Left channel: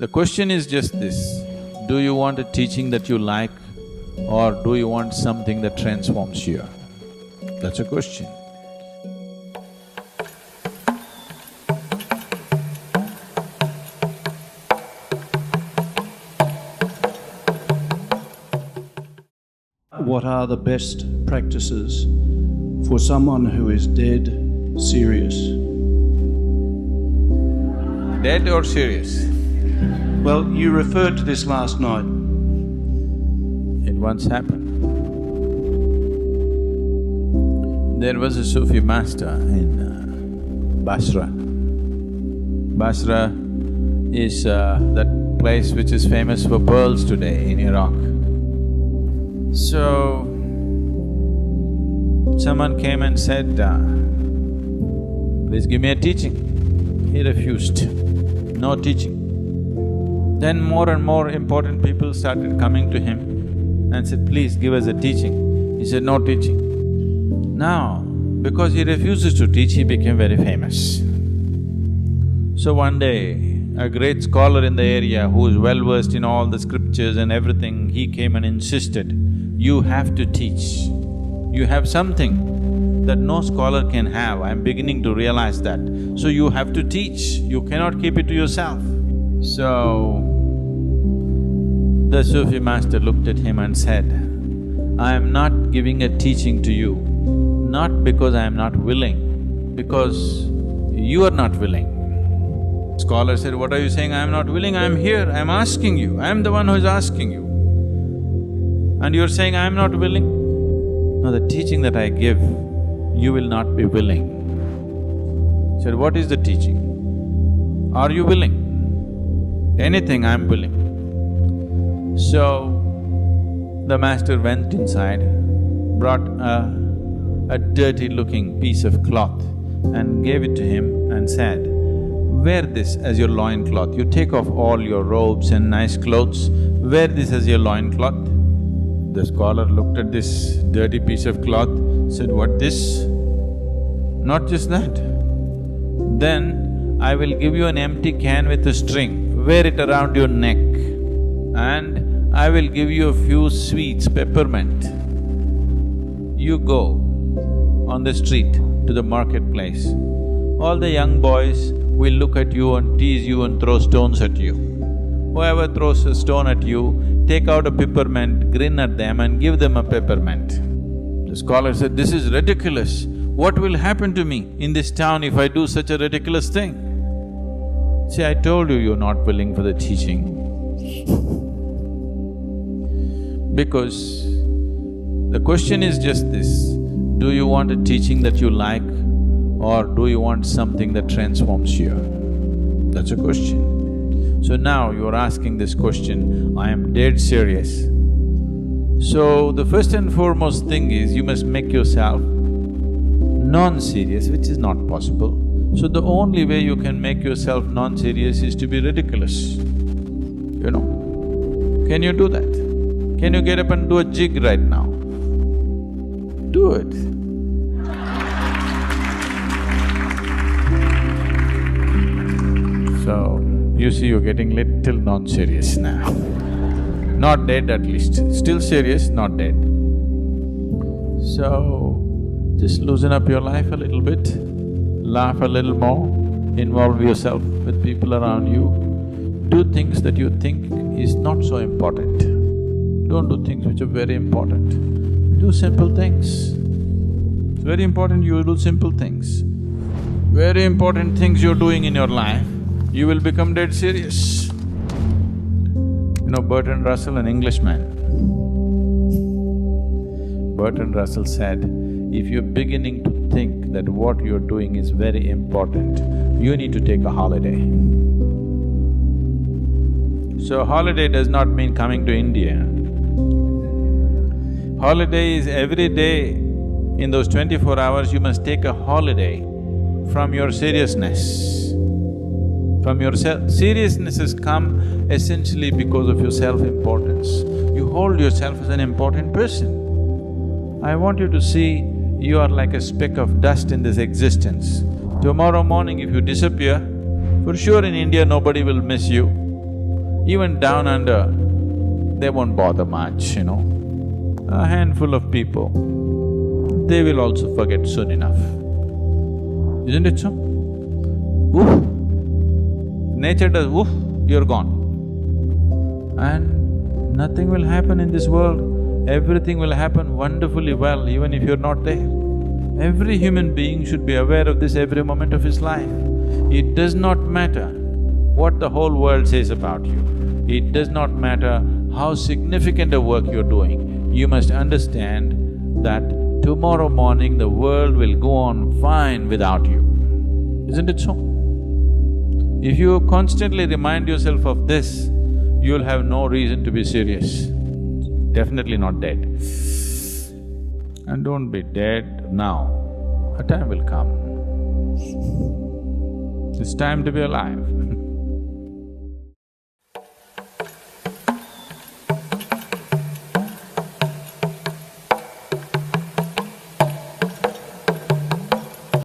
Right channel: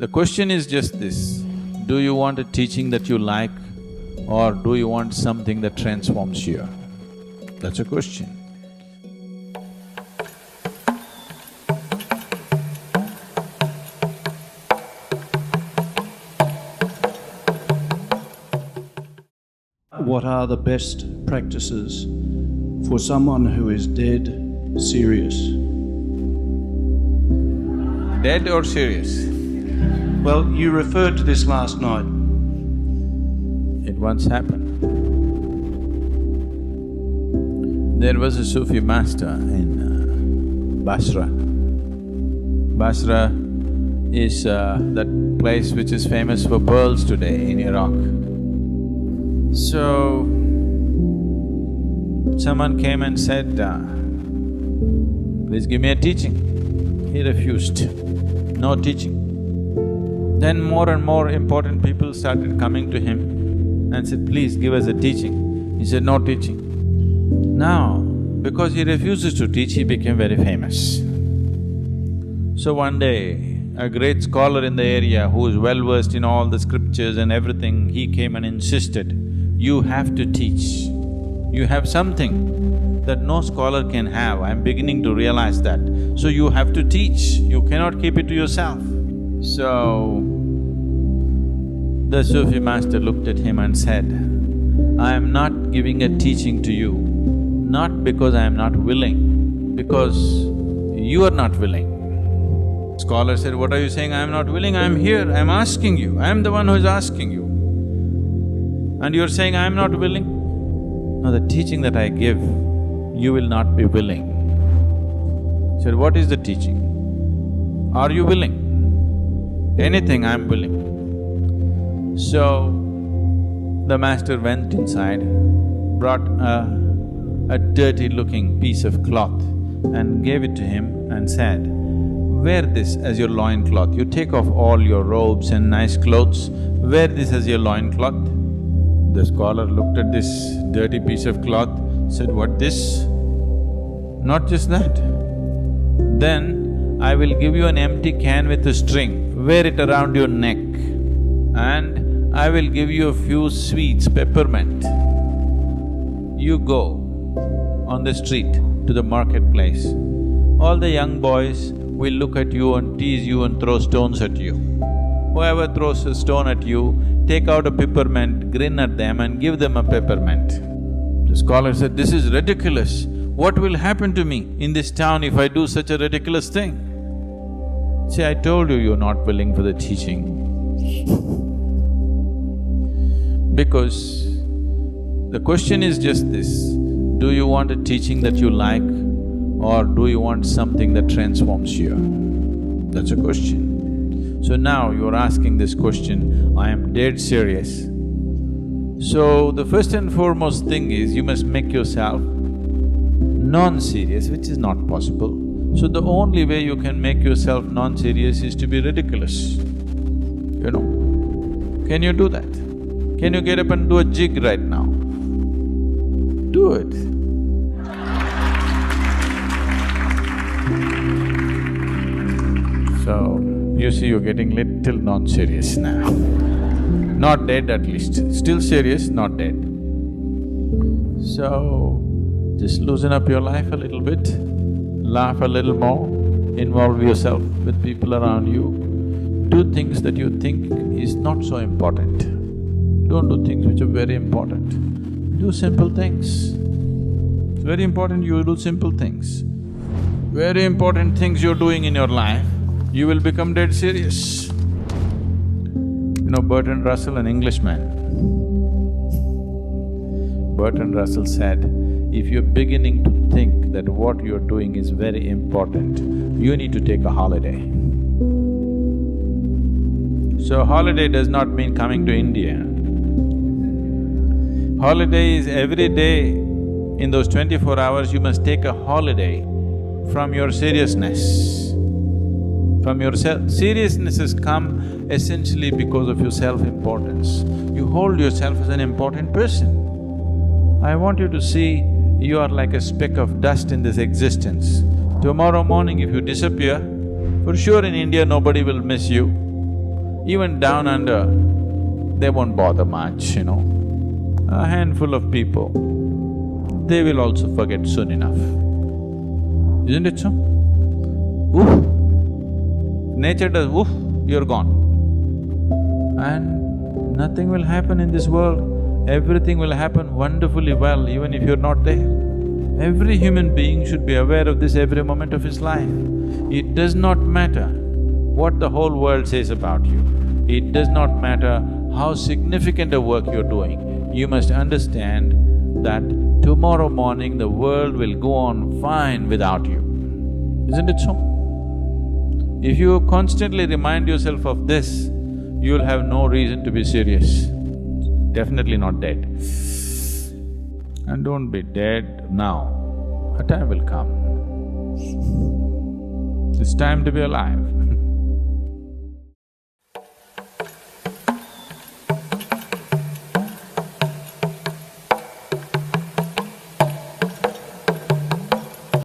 The question is just this, do you want a teaching that you like or do you want something that transforms you? That's a question. What are the best practices for someone who is dead serious? Dead or serious? Well, you referred to this last night. It once happened. There was a Sufi master in Basra. Basra is that place which is famous for pearls today in Iraq. So, someone came and said, please give me a teaching. He refused, no teaching. Then more and more important people started coming to him and said, please give us a teaching. He said, no teaching. Now, because he refuses to teach, he became very famous. So one day, a great scholar in the area who is well versed in all the scriptures and everything, he came and insisted, you have to teach. You have something that no scholar can have, I'm beginning to realize that. So you have to teach, you cannot keep it to yourself. So, the Sufi master looked at him and said, I am not giving a teaching to you, not because I am not willing, because you are not willing. Scholar said, what are you saying? I am not willing, I am here, I am asking you, I am the one who is asking you. And you are saying, I am not willing? No, the teaching that I give, you will not be willing. He said, what is the teaching? Are you willing? Anything, I am willing. So, the master went inside, brought a dirty-looking piece of cloth and gave it to him and said, wear this as your loincloth. You take off all your robes and nice clothes, wear this as your loincloth. The scholar looked at this dirty piece of cloth, said, what this? Not just that. Then, I will give you an empty can with a string, wear it around your neck, and I will give you a few sweets, peppermint. You go on the street to the marketplace. All the young boys will look at you and tease you and throw stones at you. Whoever throws a stone at you, take out a peppermint, grin at them and give them a peppermint. The scholar said, this is ridiculous. What will happen to me in this town if I do such a ridiculous thing? See, I told you you're not willing for the teaching because the question is just this, do you want a teaching that you like or do you want something that transforms you? That's a question. So now you're asking this question, I am dead serious. So the first and foremost thing is you must make yourself non-serious, which is not possible. So the only way you can make yourself non-serious is to be ridiculous, you know. Can you do that? Can you get up and do a jig right now? Do it. So, you see you're getting little non-serious now. Not dead at least, still serious, not dead. So, just loosen up your life a little bit, laugh a little more, involve yourself with people around you, do things that you think is not so important. Don't do things which are very important. Do simple things. It's very important you do simple things. Very important things you're doing in your life, you will become dead serious. You know Bertrand Russell, an Englishman. Bertrand Russell said, if you're beginning to think that what you're doing is very important, you need to take a holiday. So holiday does not mean coming to India. Holiday is every day, in those 24 hours you must take a holiday from your seriousness. From your seriousness has come essentially because of your self-importance. You hold yourself as an important person. I want you to see you are like a speck of dust in this existence. Tomorrow morning if you disappear, for sure in India nobody will miss you. Even down under, they won't bother much, A handful of people, they will also forget soon enough. Isn't it so? Woof! Nature does woof, you're gone. And nothing will happen in this world. Everything will happen wonderfully well even if you're not there. Every human being should be aware of this every moment of his life. It does not matter what the whole world says about you. It does not matter how significant a work you're doing. You must understand that tomorrow morning the world will go on fine without you. Isn't it so? If you constantly remind yourself of this, you'll have no reason to be serious. Definitely not dead. And don't be dead now. A time will come. It's time to be alive.